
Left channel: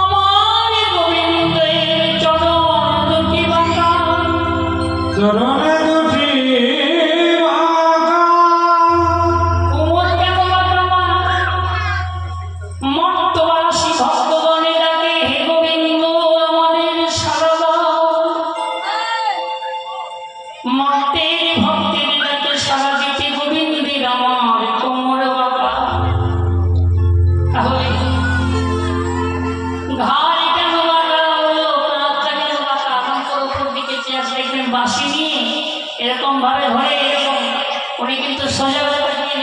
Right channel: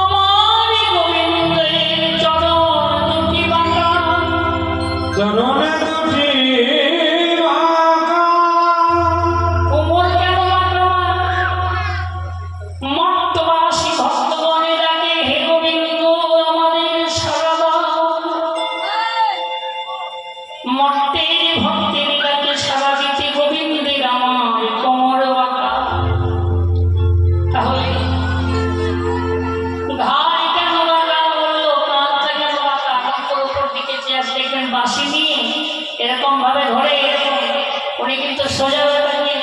আমার গোবিন্দের চরণ দুটি বাঁকা। চরণে দুটি বাঁকা। কোমর কেন বাঁকা? মা মর্তবাসী ভক্তগণে ডাকে হে গোবিন্দ আমাদের সাড়া দাও। মর্তের ভক্তের ডাকে সাড়া দিতে গোবিন্দের আমার কোমর বাঁকা। তাহলে ঘাড় কেন বাঁকা হলো? কাঁধটা কেন বাঁকা? অন্তর উপর দিকে চেয়ার দেখবেন বাঁশি নিয়ে এরকম ভাবে ধরে, এরকম উনি কিন্তু সোজা ব্যাপার নিয়ে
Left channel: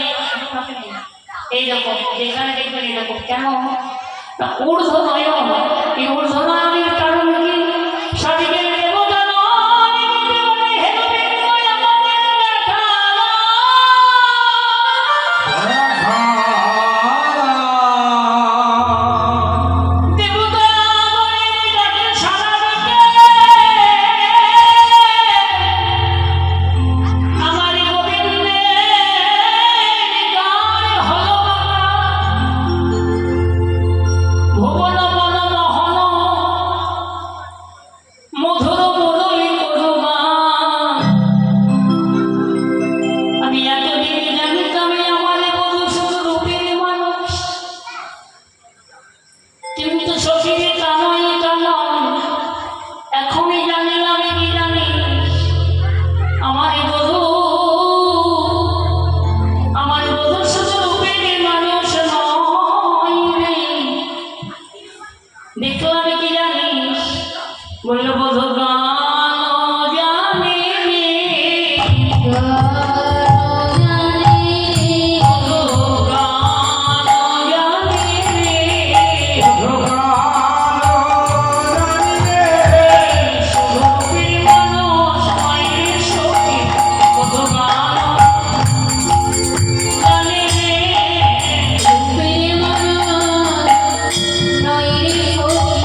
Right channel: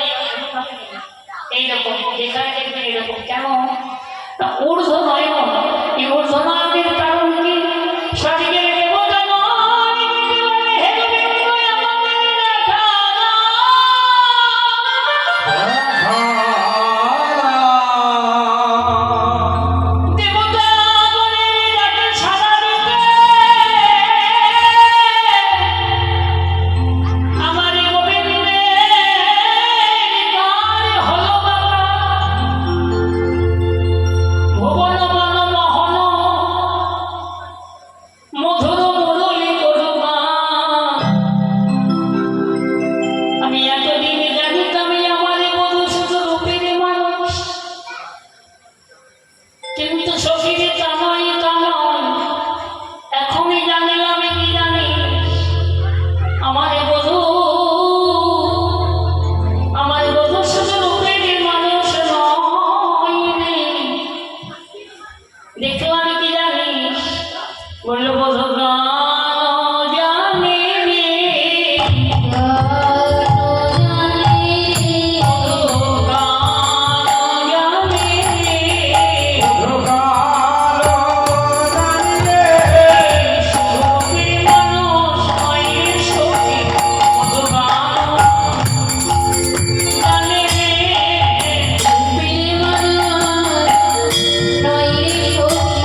এইরকম যেখানে দেখবেন এরকম। কেন? ঊর্ধ্ব নয়ন। এই ঊর্ধ্ব নয়নের কারণ কি? শরীরের দেবতা নয়, হে গোবিন্দ আমাদের দেখা দাও। দেবতা বলে ডাকে সাড়া দিতে আমার গোবিন্দের গান হলো বাঁকা। ভুবন বন মোহন মধুর মুরলী করুগান। আমি এতদিন জানিতাম আমার মধুসূদ রূপের মানুষ, কিন্তু সখীর কামই কামন এখনই জানিলাম। কি জানি আমার বধূ, আমার মধুসূদ রূপের মানুষ নয় রে। দেখলাম কি জানিস? বলল বধূ গান জানে রে। বধূ গান জানে রে। রূপের মানুষ নয় রে সখী, বধূ গান জানে রে। নয় রে সখী,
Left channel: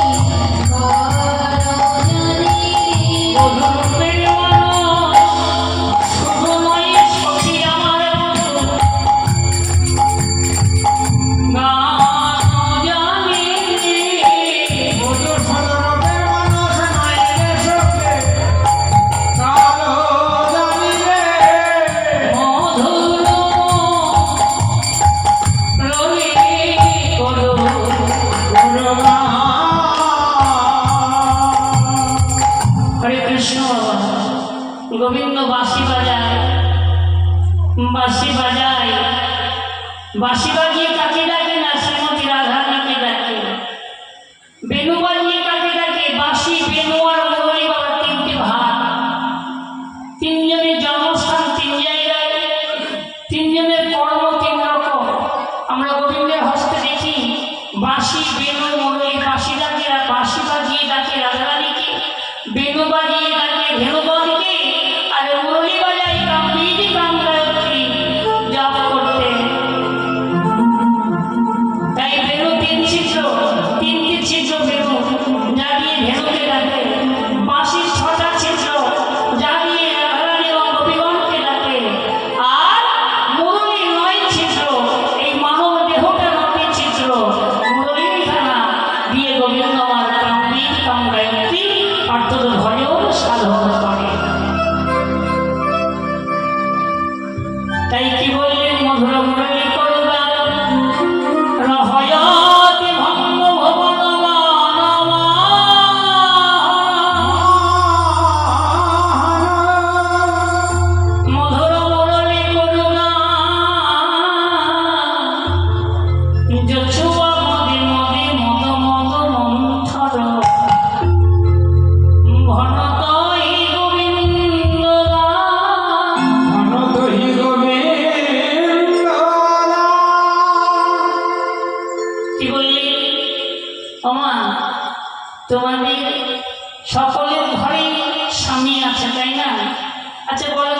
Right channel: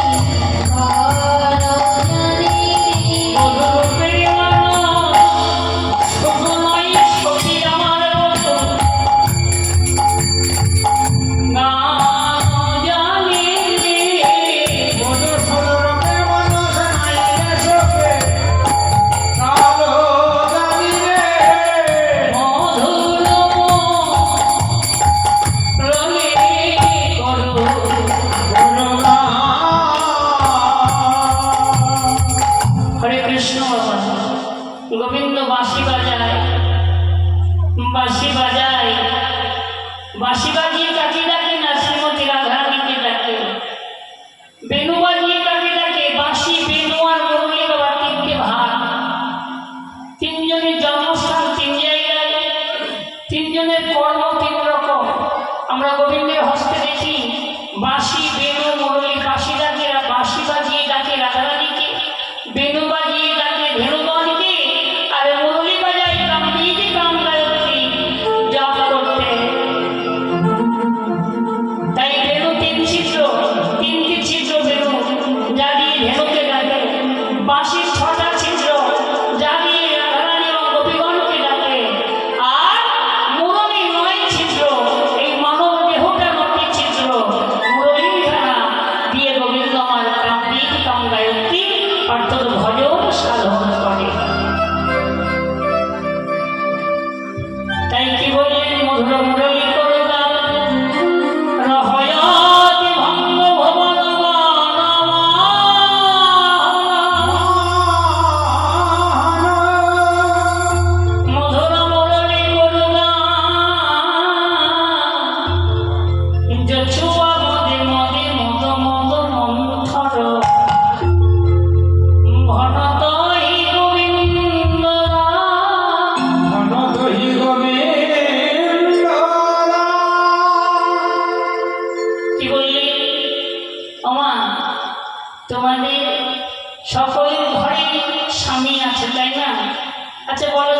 গোবিন্দ বাঁশি বাজায়, বাঁশি বাজায়, বাঁশি বাজিয়ে কাকে ডাকে না শ্রীমতী রাধারানীকে ডাকে। বেনু বাজিয়ে কাকে ডাকে? বাঁশি, বেনু আর মুরলী বাবা তিনটে ভাগ। তিনজনের জন্মস্থান তিন জায়গায়, তিনজনের কর্ম তিন রকম। আমরা গোবিন্দের হস্তে দেখি বাঁশি, বেনু, মুরলী। বাঁশি ডাকে, বাঁশি বাজিয়ে ডাকে রাধারানীকে, বেনু বাজিয়ে ডাকে ধেনুবনকে, আর মুরলী বাজায় কামবীজ কাম গায়ত্রী জপ করতে। তাই বেনু তিন ছিদ্র, তিনটি ছিদ্র বেনু যা দিয়ে ধেনুকে ডাকে। বাঁশির 6টা ছিদ্র যা দিয়ে রাধারানী এবং গোপীগণকে ডাকে। আর মুরলী 9 ছিদ্র, এই মানব দেহটা 9টি ছিদ্র। মুরলীর খানা দিয়ে গোবিন্দ আমার কামবীজ কাম গায়ত্রী অর্থাৎ ভজন সাধন করে। তাই কি বললেন? মধুর মুরলী করুণা রহয়াতি ভঙ্গ ভবন বানবা। মধুর মুরলী করুণা যছুয়া মদে মদে মদ মদ মন্থর ভনতই গোবিন্দ। অনতহি গোবিন্দ। কি বললি? ওমা, তোমাদের সকলের ঘরে স্বামী আছে তাই না? আচ্ছা বলো